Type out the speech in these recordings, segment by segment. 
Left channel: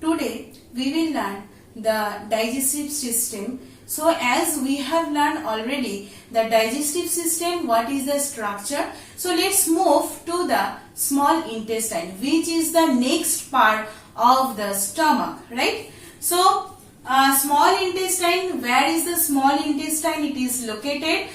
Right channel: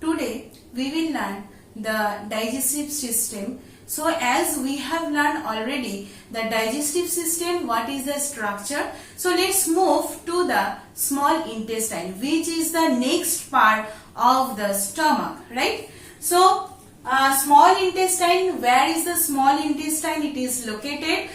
Today we will learn the digestive system. So as we have learned already the digestive system, what is the structure. So let's move to the small intestine, which is the next part of the stomach, right? So small intestine, where is the small intestine? It is located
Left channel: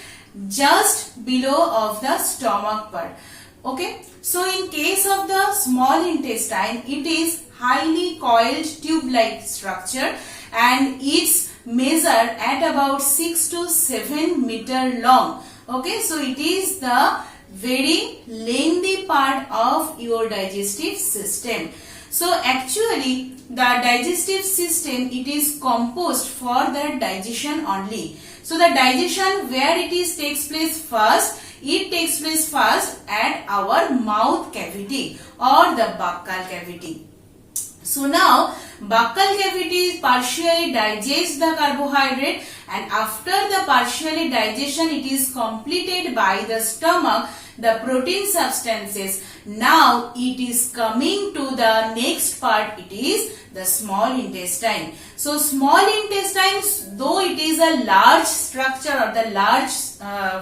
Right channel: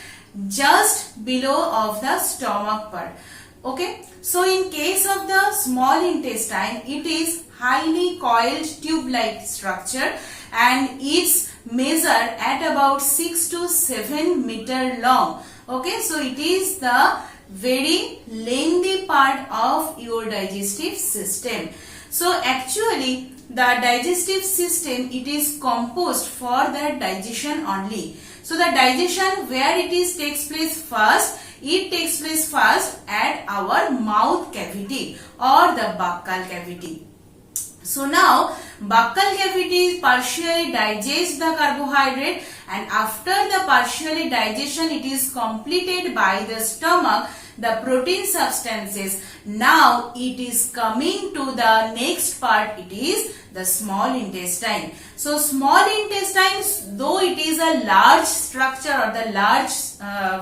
just below of the stomach part. Okay, so in case of the small intestine, it is highly coiled tube-like structure and it's measured at about 6 to 7 meter long. Okay, so it is the very lengthy part of your digestive system. So actually the digestive system, it is composed for the digestion only. So the digestion, where it is takes place first, it takes place first at our mouth cavity or the buccal cavity. So now buccal cavity partially digests the carbohydrate, and after the partially digestion it is completed by the stomach, the protein substances. Now it is coming to the next part, it is the small intestine. So small intestine, though it is a large structure or the large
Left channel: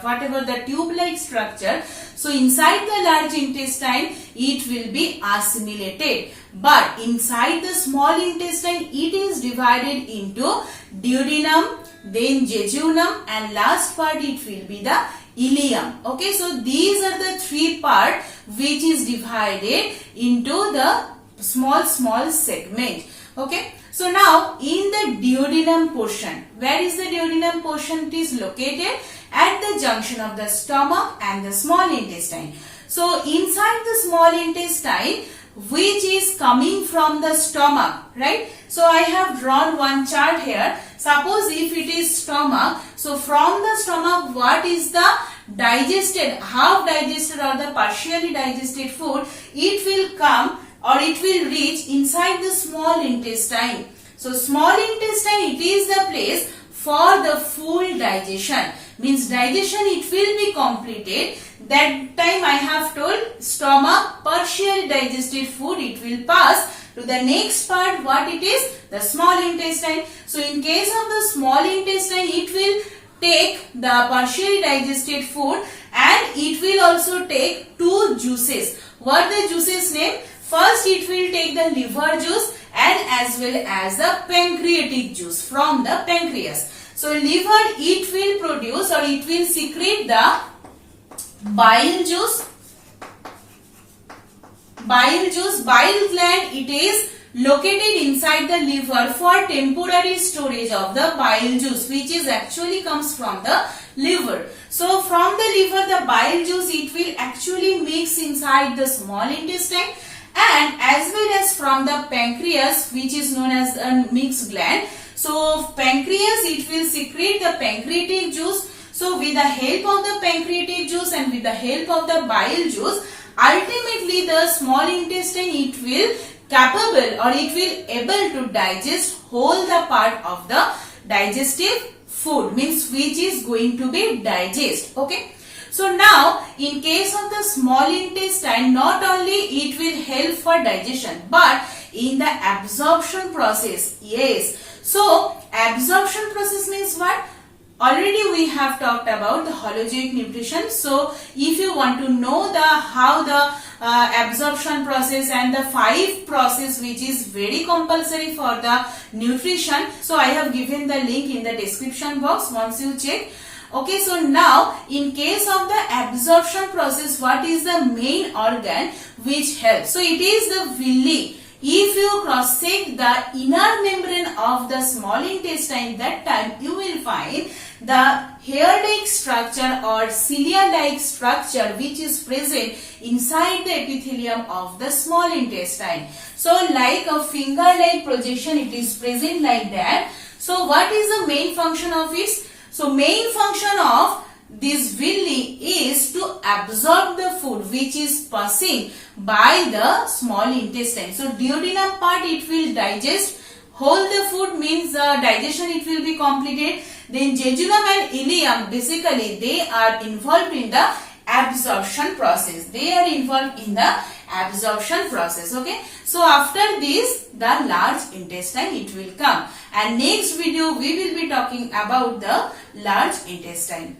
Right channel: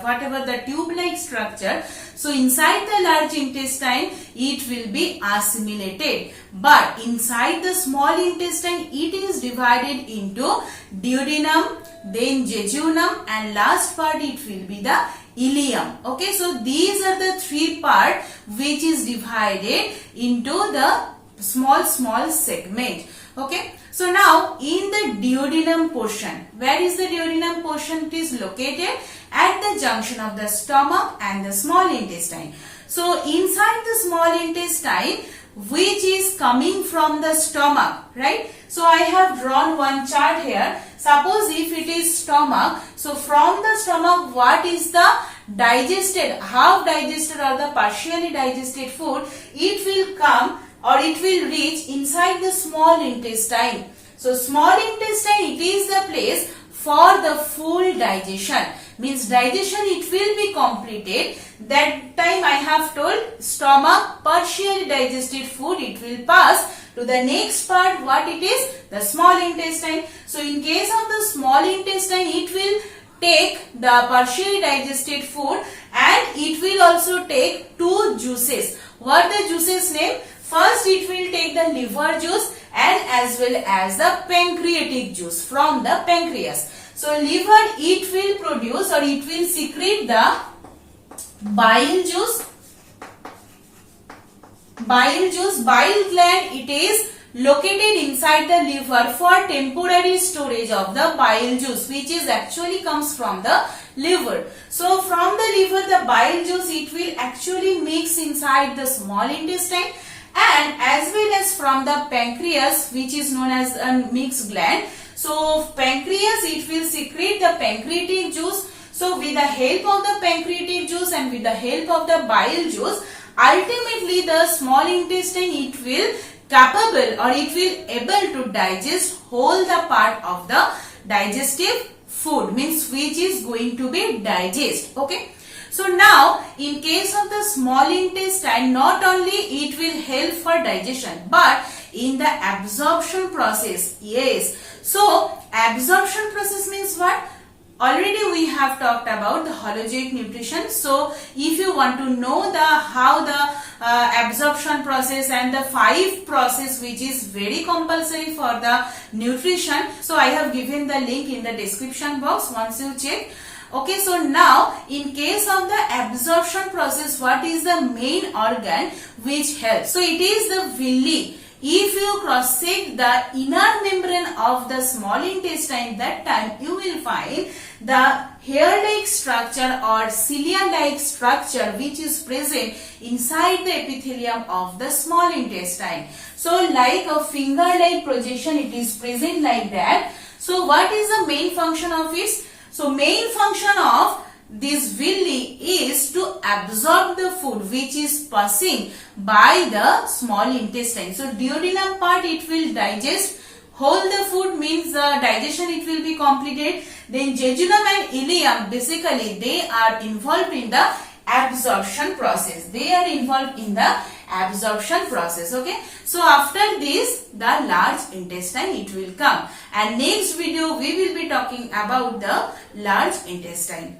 whatever the tube-like structure, so inside the large intestine it will be assimilated. But inside the small intestine it is divided into duodenum, then jejunum, and last part it will be the ileum. Okay, so these are the three parts which is divided into the small segment. Okay, so now in the duodenum portion, where is the duodenum portion? It is located at the junction of the stomach and the small intestine. So inside the small intestine, which is coming from the stomach, right? So I have drawn one chart here. Suppose if it is stomach, so from the stomach what is the digested, half digested or the partially digested food, it will come or it will reach inside the small intestine. So small intestine, it is the place for the full digestion. Means digestion it will be completed. That time I have told stomach, partially digested food, it will pass to the next part. What it is? The small intestine. So in case of the small intestine, it will take the partially digested food and it will also take two juices. What the juices name? First it will take the liver juice and as well as the pancreatic juice from the pancreas. So liver, it will produce or it will secrete the bile juice. Bile gland, it is located inside the liver for temporary storage of the bile juice, which is actually comes from the liver. So from the liver, the bile juice, it will actually mix inside the small intestine, and as well as from the pancreas, which is known as a mixed gland. So pancreas, it will secrete the pancreatic juice. So with the help of the pancreatic juice and with the help of the bile juice, ultimately the small intestine, it will capable or it will able to digest whole the part of the digestive food, means which is going to be digest. Okay. So now in case of the small intestine, not only it will help for digestion but in the absorption process. Yes. So absorption process means what? Already we have talked about the holozoic nutrition. So if you want to know the how the absorption process and the 5 process which is very compulsory for the nutrition, so I have given the link in the description box once you check. Okay, so now in case of the absorption process, what is the main organ which helps? So it is the villi. If you cross-check the inner membrane of the small intestine, that time you will find the hair-like structure or cilia-like structure which is present inside the epithelium of the small intestine. So like a finger-like projection, it is present like that. So what is the main function of it? So main function of this villi is to absorb the food which is passing by the small intestine. So duodenum part, it will digest whole the food, means the digestion it will be completed. Then jejunum and ileum, basically they are involved in the absorption process. They are involved in the absorption process. Okay, so after this the large intestine it will come, and next video we will be talking about the large intestine.